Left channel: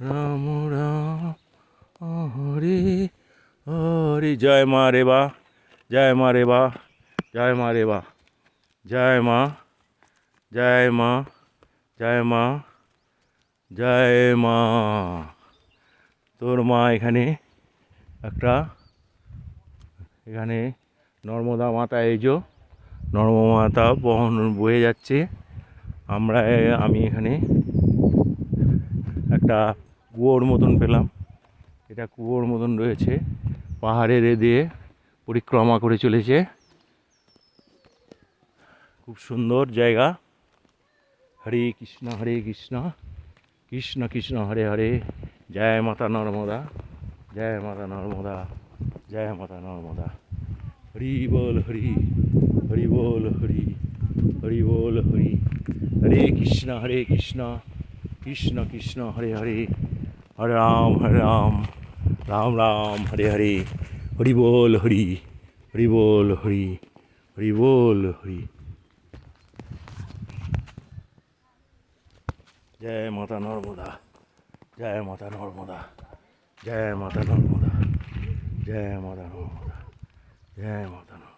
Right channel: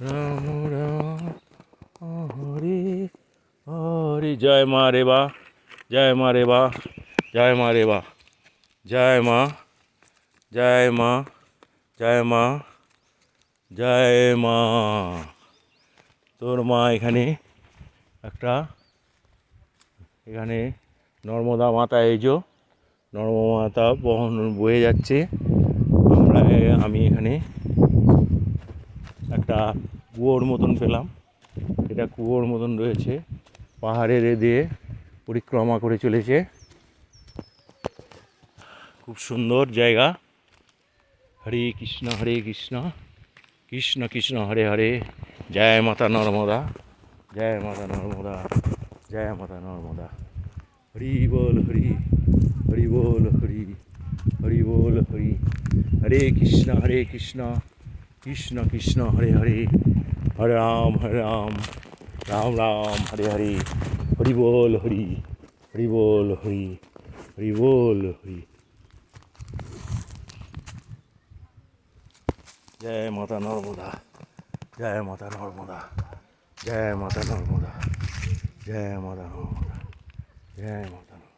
রাম রাম হরি হরি। জয় মা রেবা, জয় মা রেবা, জয় মা রেবা, জয় মা, জয় মা, জয় মা, জয় মা। তোর মা এখানে একটা, এখানে নর্মদা মাতা, এই যে নর্মদা মাতা বহন বয়ে যাচ্ছে। আমি এখানে একটা কুয়োর মতন পেলাম, এটা কুয়োর মতন রয়েছে, পাহাড়ের দিয়ে পরিক্রমা করে চলেছে। খুব সুন্দর জায়গা। হরে কৃষ্ণ হরে কৃষ্ণ, কৃষ্ণ কৃষ্ণ হরে হরে। জয় মাতা নর্মদা, জয় মাতা নর্মদা, জয় মাতা নর্মদা। হরি বল হরি, হরি বল হরি, হরি বল হরি। হরে কৃষ্ণ কৃষ্ণ কৃষ্ণ হরে হরে, হরে রাম রাম রাম হরে হরে। হরি বল হরি, হরি বল হরি, হরি বল হরি। জয় মাতা নর্মদা, জয় মাতা নর্মদা, জয় মাতা নর্মদা, জয় মাতা নর্মদা, জয় মাতা নর্মদা।